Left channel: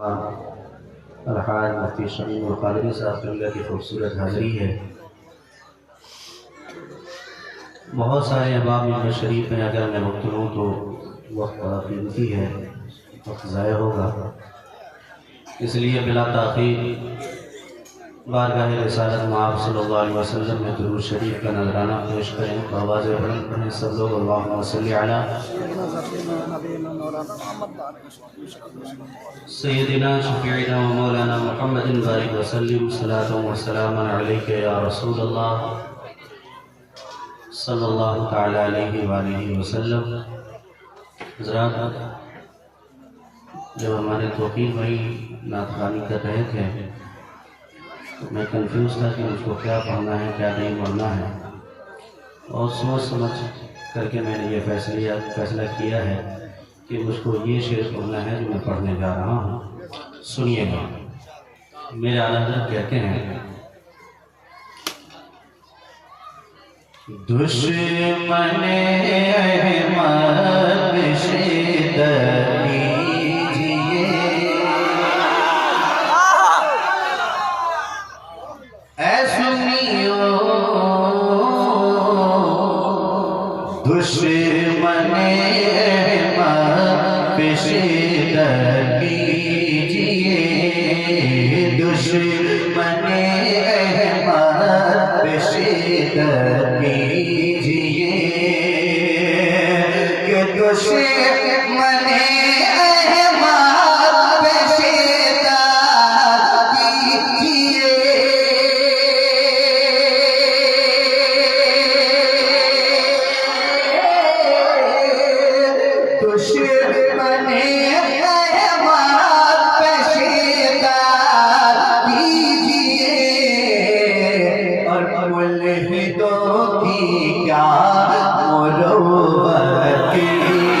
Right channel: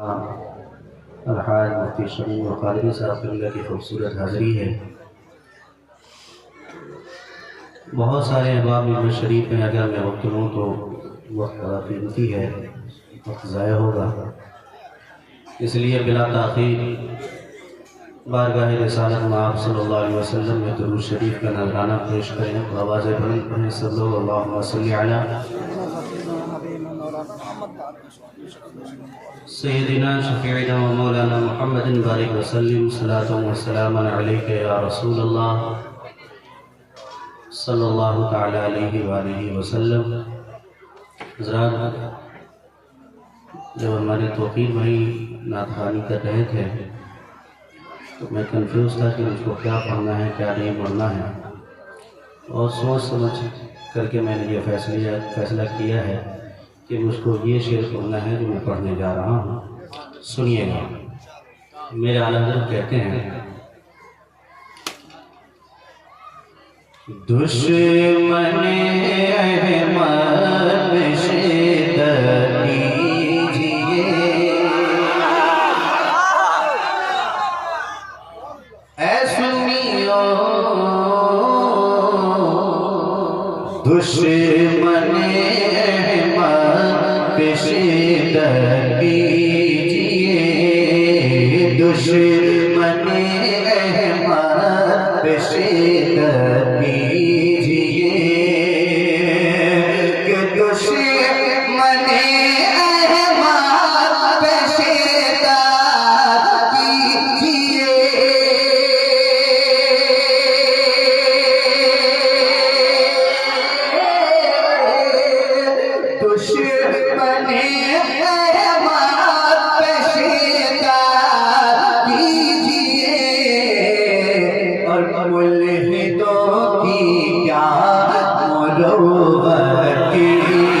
الحاج مفتی شمیم القادری صاحب قبلہ کی خوبصورت حاضری ہے۔ بہت سارے احباب مجمع شریف میں اگر میں وقت لوں تو وقت بڑا قیمتی ہے، وقت ضائع ہوگا، اس لیے بلا تاخیر بارگاہ رسالت مآب صلی اللہ علیہ وسلم میں درود شریف کا نذرانہ پیش کریں۔ آواز بلند پڑھیں سب لوگ، اللہم صلی علی سیدنا شفیعنا و مولانا محمد بارک وسلم، صلاۃ و سلام علیک یا رسول اللہ صلی اللہ تعالی علیہ وآلہ وسلم۔ حضرات، جب ہمارے توقیر بھائی نعت خوانی کر رہے تھے تو میں کنفیوز تھا کہ مجھ کو کیا پڑھنا ہے کیا نہیں پڑھنا ہے، اور سوچ سمجھ کر کے میں نے یہ فیصلہ کیا ہے کہ مجھ کو یہ شعر پڑھنا ہے جو میں پڑھنے جا رہا ہوں۔ سنیے گا، میرے اعلیٰ حضرت کہتے ہیں: دشمن احمد شدت کیجئے، اے سنیو دشمن احمد شدت کیجئے، دشمن احمد شدت کیجئے، کہ دشمن احمد شدت کیجئے، دشمن احمد شدت کیجئے، اور ملحدوں کی کیا مروت کیجئے،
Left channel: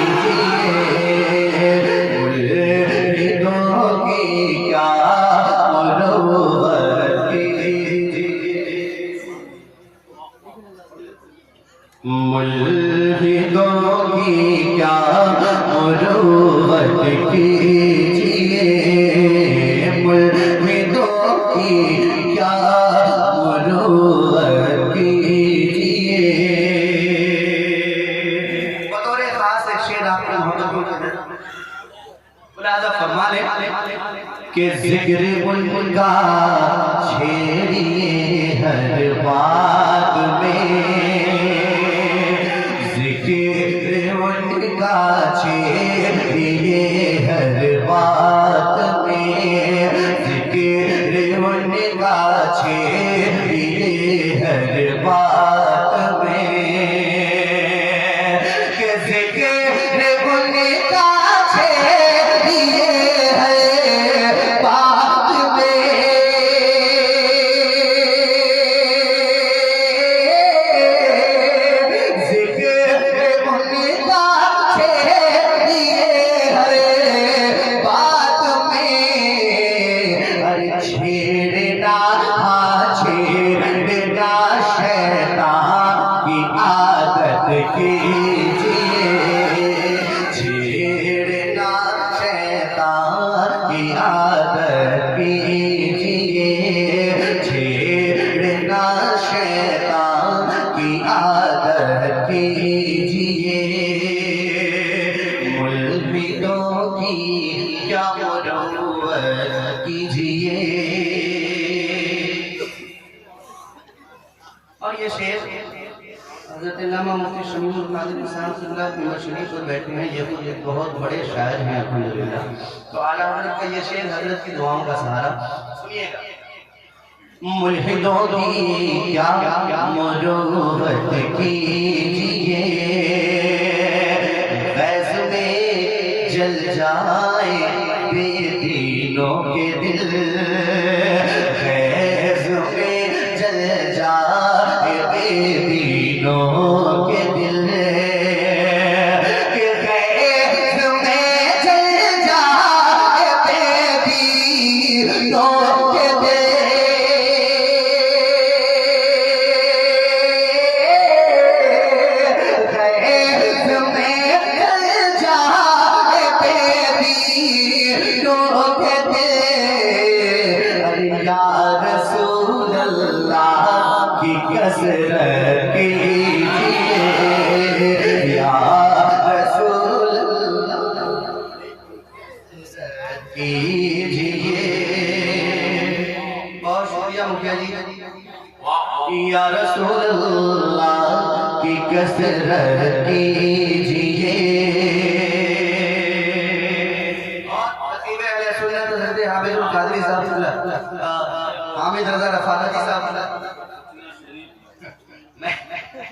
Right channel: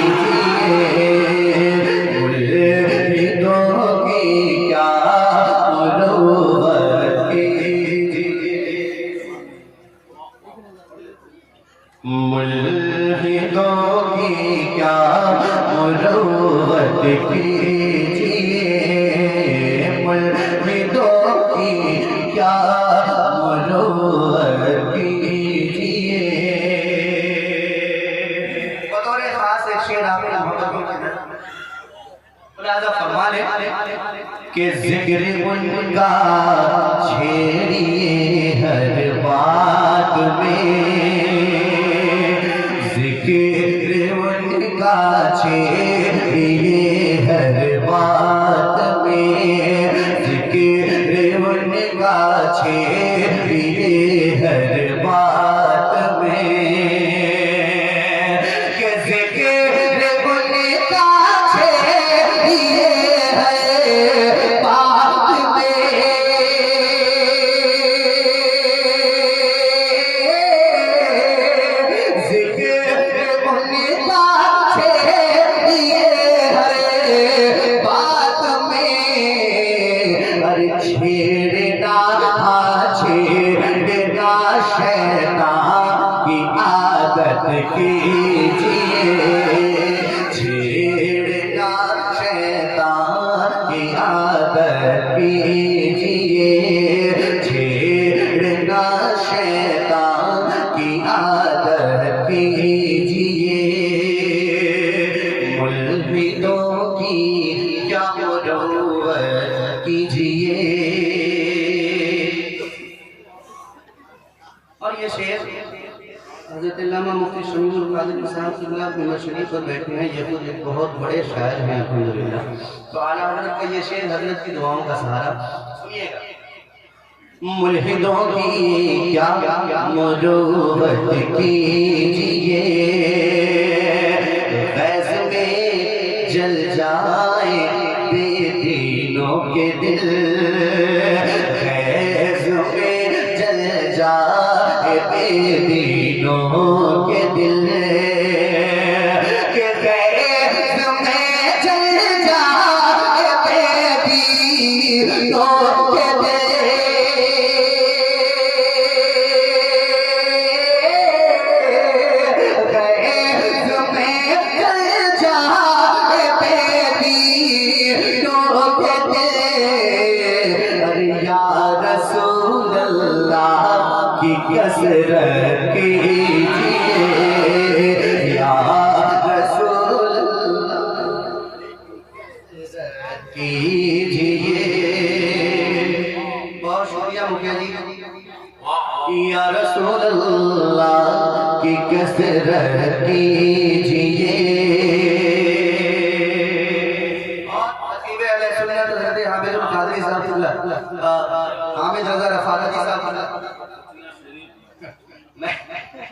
ملحدوں کی کیا مروت کیجئے، ملحدوں کی کیا مروت کیجئے، ملحدوں کی کیا مروت کیجئے۔ بطور خاص ایک شعر آپ کو محبت ہو جائے، ملاحظہ فرما لیں کہ ذکر ان کا چھیڑیے ہر بات میں، ذکر ان کا چھیڑیے ہر بات میں، ذکر ان کا چھیڑیے ہر بات میں، کہ ذکر ان کا چھیڑیے ہر بات میں، ذکر ان کا چھیڑیے ہر بات میں، ارے چھیڑنا چھیڑنا شیطان کی عادت کیجئے، چھیڑنا شیطان کی عادت کیجئے، چھیڑنا شیطان کی عادت کیجئے، ملحدوں کی کیا مروت کیجئے۔ اور یہ شعر حضرت علامہ مفتی شمیم القادری صاحب قبلہ مجمع شریف پر بیٹھے ہیں، یہ خود ایک بہت بڑے شاعر ہیں الحمدللہ، تو اعلیٰ حضرت کا یہ شعر حضرت کی دعاؤں کا سہارا سنیے گا۔ ملحدوں کی کیا مروت کیجئے، فیض میں جل جائے بے دینوں کے دل، فیض میں جل جائے بے دینوں کے دل، کہ فیض میں جل جائے بے دینوں کے دل، فیض میں جل جائے بے دینوں کے دل، کثرت کیجیے یا رسول کیجیے. بہت شکریہ مکھیا جی. یا رسول اللہ کی کثرت کیجیے. حامد القادری صاحب حامد رضا رفاقتی صاحب.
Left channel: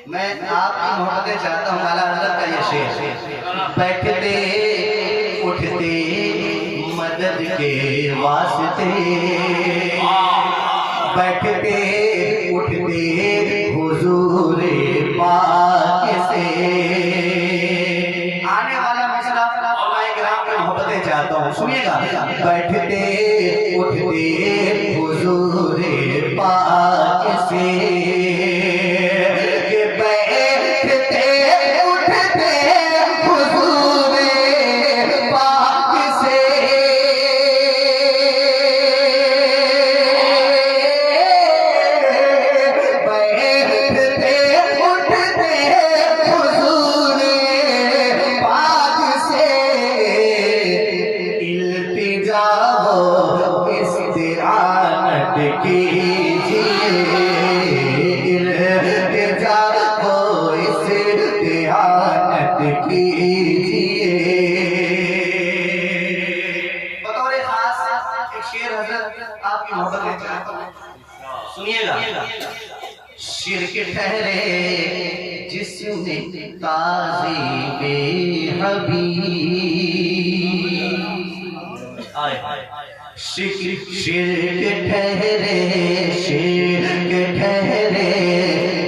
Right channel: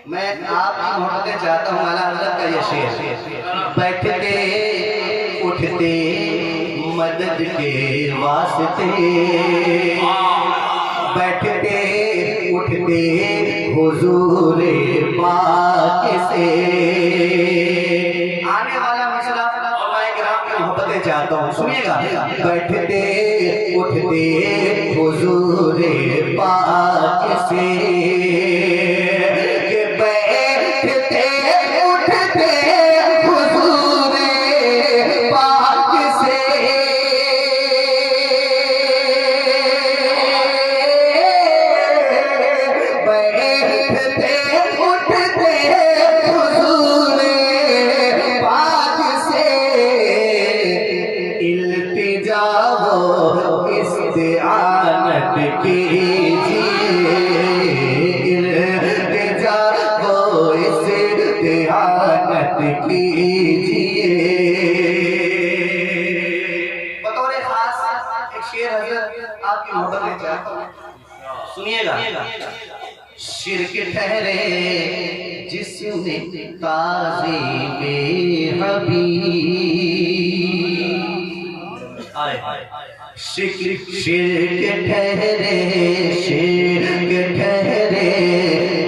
میں آپ کی محبتیں چاہتا ہوں. اعلیٰ حضرت کا یہ شعر. بیٹھتے اٹھتے مدد کے واسطے, بیٹھتے اٹھتے حضور پاک سے. آنے والا مسئلہ علماء کرام کی محبتیں چاہتا ہوں, سنیے گا. بیٹھتے اٹھتے حضور پاک سے, بیٹھتے اٹھتے حضور پاک سے, بیٹھتے اٹھتے حضور پاک سے. التجا و استعانت کیجیے, التجا و استعانت کیجیے. بطور خاص ایک شعر حضرت آپ کی محبت میں چاہتا ہوں, سنیے گا. شرک ٹھہرے جسم تعظیم حبیب, شرک ٹھہرے, شرک ٹھہرے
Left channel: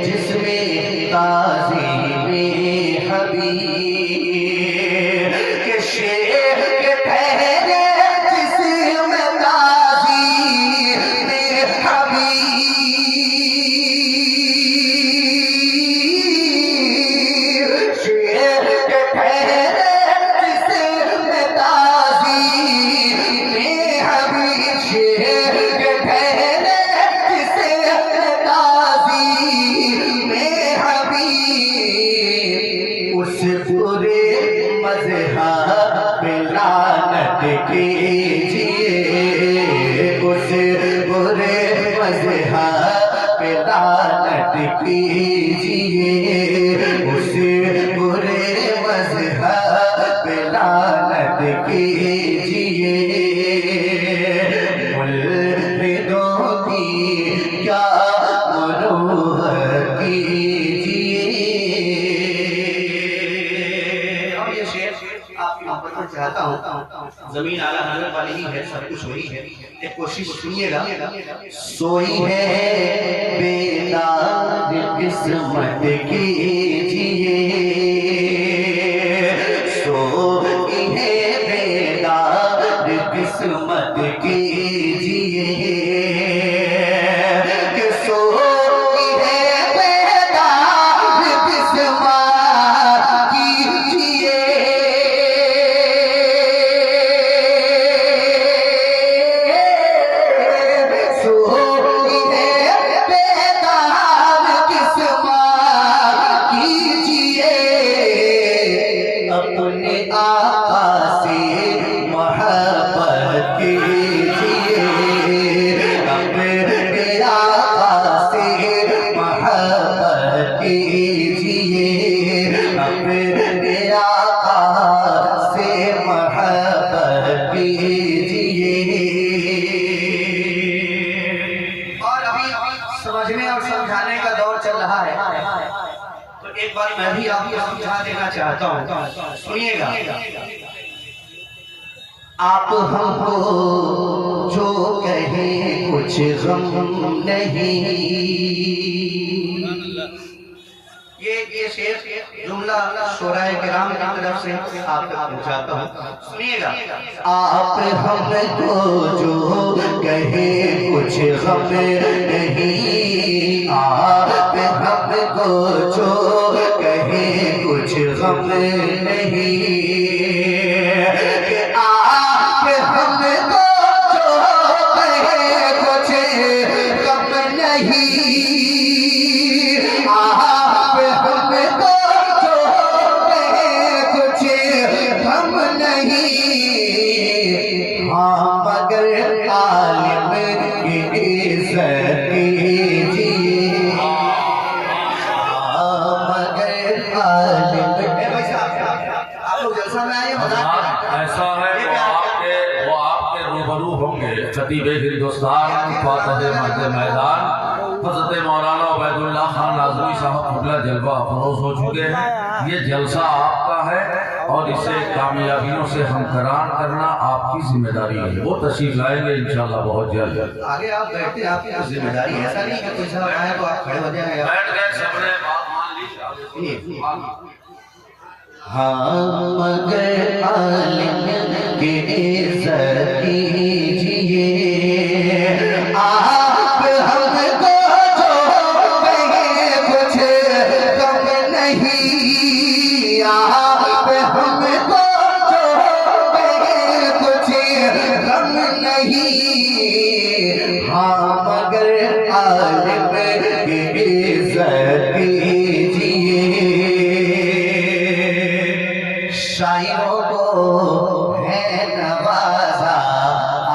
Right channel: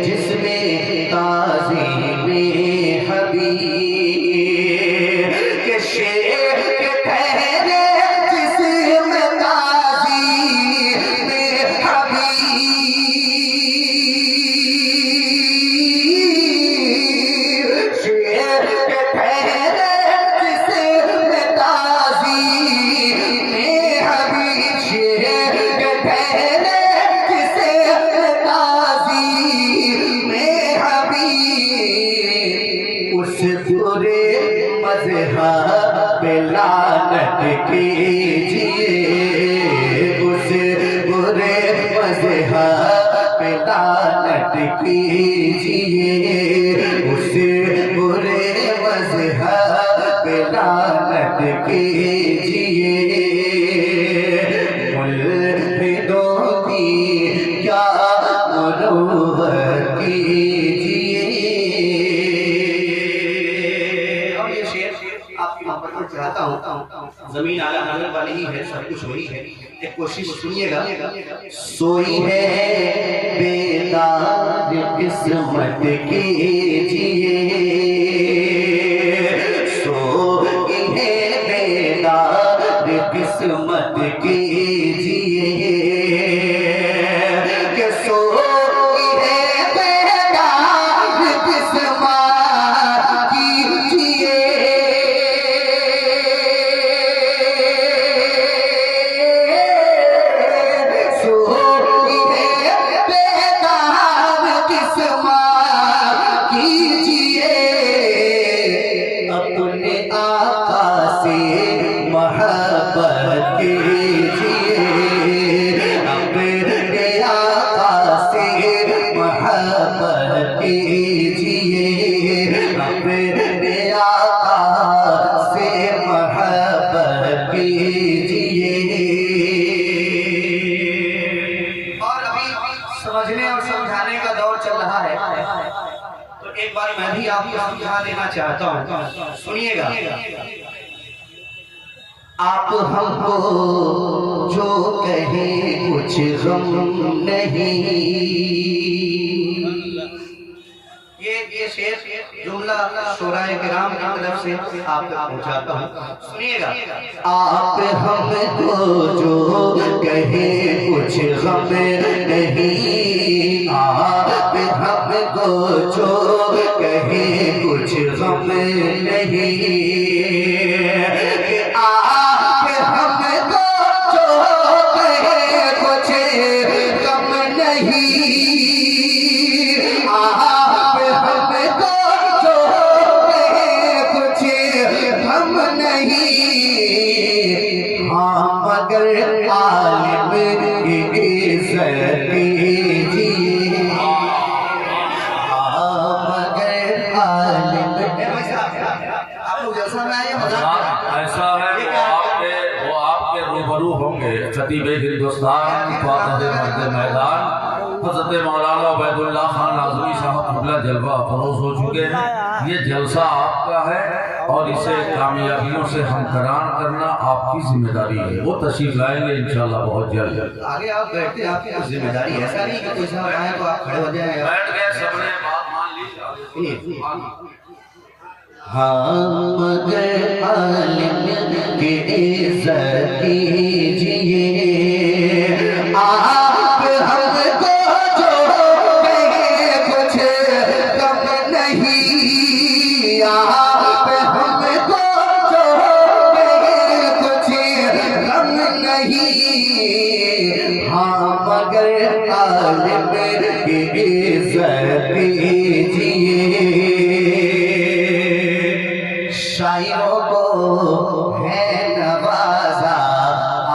جسم تعظیم حبیب, کہ شرک ٹھہرے جسم تعظیم حبیب, شرک ٹھہرے جسم تعظیم حبیب, شرک ٹھہرے جسم تعظیم حبیب. اس برے مذہب پہ لعنت کیجیے, اس برے مذہب پہ لعنت کیجیے, اس برے مذہب پہ لعنت کیجیے. ملحدوں کی کیا مروت کیجیے. اور یہ شعر آپ کی محبت میں چاہتا ہوں. زمین اعلیٰ حضرت والی ہی ہے, سب کچھ وہی ہے. ایک کوشش سنیے گا. سوئی ہے بیدار قسمت کیجیے, سوئی ہے بیدار قسمت کیجیے, کہ سوئی ہے بیدار قسمت کیجیے. سوئی ہے بیدار قسمت کیجیے. اپنے آقا سے محبت کیجیے, اپنے آقا سے محبت کیجیے, اپنے آقا سے محبت کیجیے. اور ابھی سمجھنے اور سمجھانے کا دور چل رہا ہے, تو ایک بار میں بھی آپ کو سمجھا دینا چاہتا ہوں, سنیے گا. آپ ہم کو جو کہیں کچھ غم نہیں. یہ شعر جملہ شعراء کرام کی طرف سے آپ کو پہنچاتا ہوں, سنیے گا. آپ ہم کو جو کہیں کچھ غم نہیں, آپ ہم کو جو کہیں کچھ غم نہیں, کہ آپ ہم کو جو کہیں کچھ غم نہیں. مگر عالم کی عزت کیجیے، مگر عالم آپ لوگ جلسہ میں آئیے مذاق ایسا ہے وہ آپ کے روبرو ہوں گے خطیب ہندوستان فاتح مرد میدان حضرت مولانا عبید اللہ خان ناظمی صاحب قبلہ جلوہ فروز ہو چکے ہیں. یہ جلسہ آپ کا ہے اور اسے کامیابیوں سے ہمکران کرنا آپ کی ذمہ داری ہے. وہ تشریف لائیں گے انشاءاللہ بہت جلد. آگے آپ بیٹھتے ہیں، آپ کی ذمہ داری ہے، ایسا نہیں کہ کوئی صاحب آئے تو آپ کھڑے ہو جائیں گے. بیٹھ گئے سب نے بات مان لی. ہاں مگر عالم کی عزت کیجیے، آپ ہم کو جو کہیں کچھ کم نہیں، آپ ہم کو جو کہیں کچھ کم نہیں، ہاں مگر عالم کی عزت کیجیے. شاعروں کو ہے نوازا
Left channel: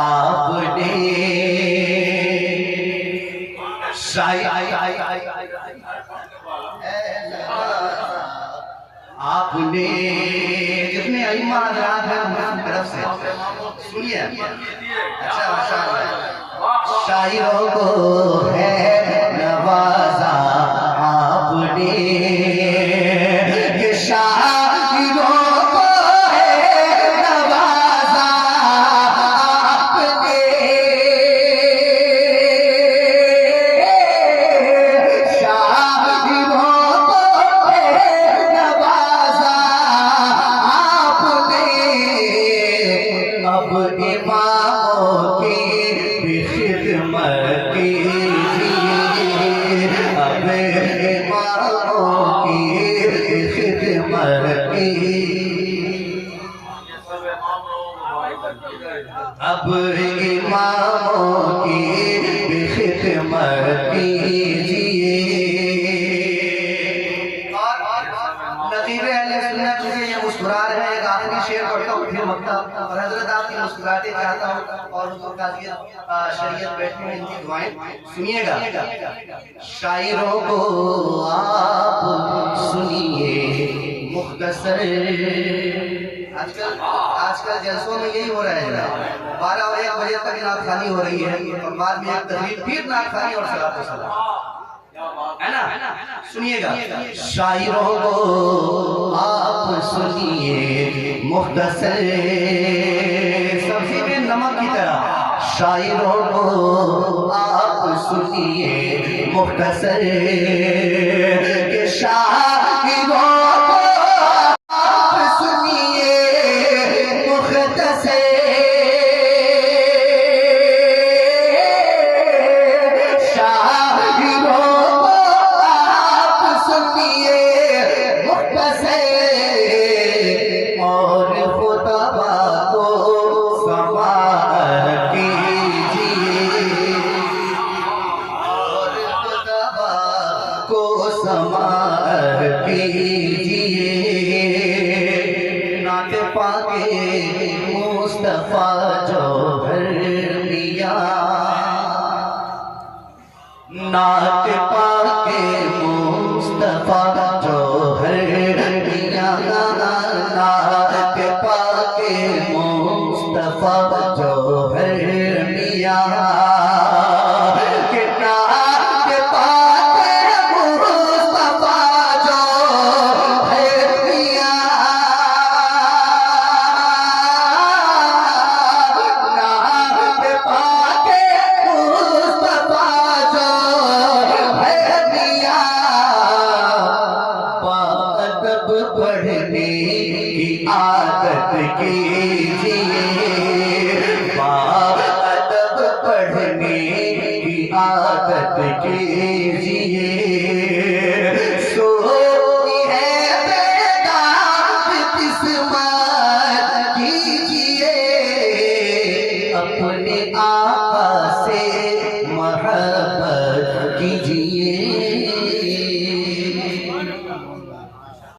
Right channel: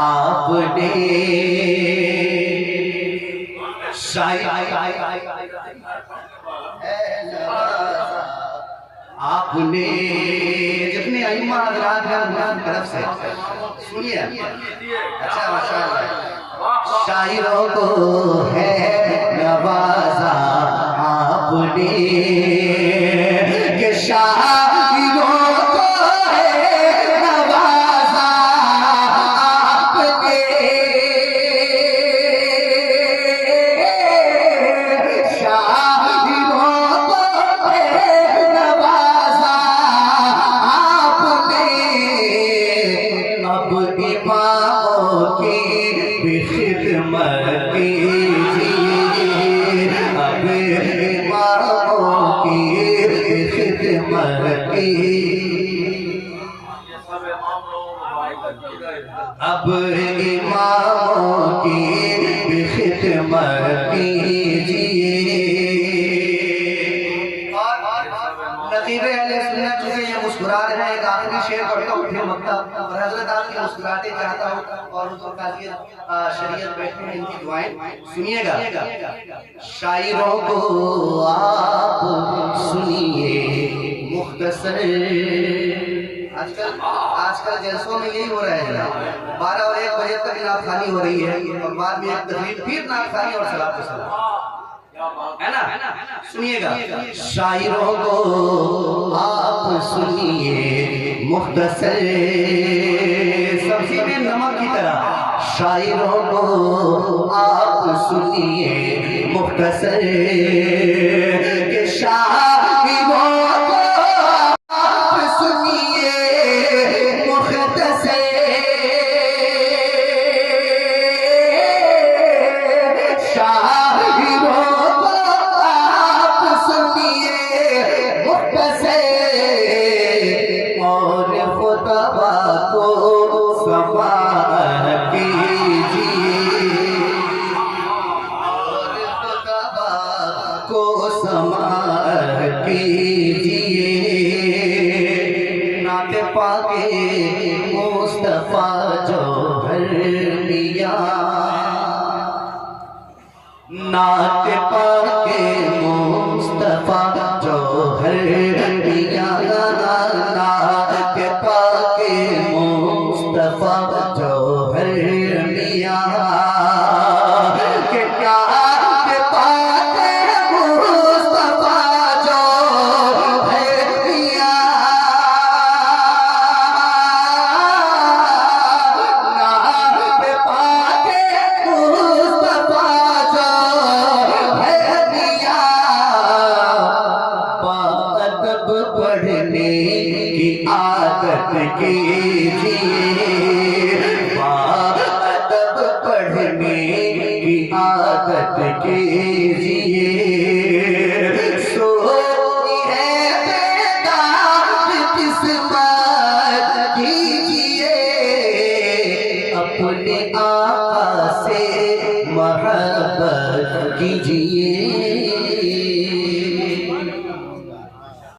آپ نے، آپ نے جتنے ائمہ حضرات ہیں ان کی طرف سے سنیے. اچھا ماشاءاللہ. شاعروں کو ہے نوازا آپ نے، کہ شاعروں کو ہے نوازا آپ نے، شاعروں کو ہے نوازا آپ نے. اب اماموں کی بھی خدمت کیجیے، اب اماموں کی بھی خدمت کیجیے، اب اماموں کی بھی خدمت کیجیے. نظیر اہل سنت سے یہ مسکرا رہے ہیں. ایک آخری شعر پڑھتا ہوں پھر مکتب اور حضرت آپ کی مسکراہٹیں چاہتا ہوں اور حضور کا شریعت بیٹھنے میں ان کی دعائیں سنیے گا. شاعروں کو آپ سنیے مختصر، آج کل جلسوں میں یہی ہو رہا ہے جناب. 12 اور 1 بجے تک نعت خوانی ہو رہی ہے اور بعد میں ایک تقریب پھر نعت خوانی اور صلاۃ و سلام ہے نا. سنیے گا. شاعروں کو آپ سنیے مختصر، سبزی میں نمک کی طرح. شاعروں کو آپ سنیے مختصر، کہ شاعروں کو آپ سنیے مختصر، اور خطبہ کو سماعت کیجیے، اور خطبہ کو سماعت کیجیے. نعت پاک مصطفیٰ جوہر میاں، نعت پاک مصطفیٰ جوہر میاں، نعت پاک مصطفیٰ جوہر میاں، کہ نعت پاک مصطفیٰ جوہر میاں، نعت پاک مصطفیٰ جوہر میاں. ادب پڑھنے کی عادت کیجیے، ادب پڑھنے کی عادت کیجیے. سونی ہے بیدار قسمت کیجیے، اپنے آقا سے محبت کیجیے.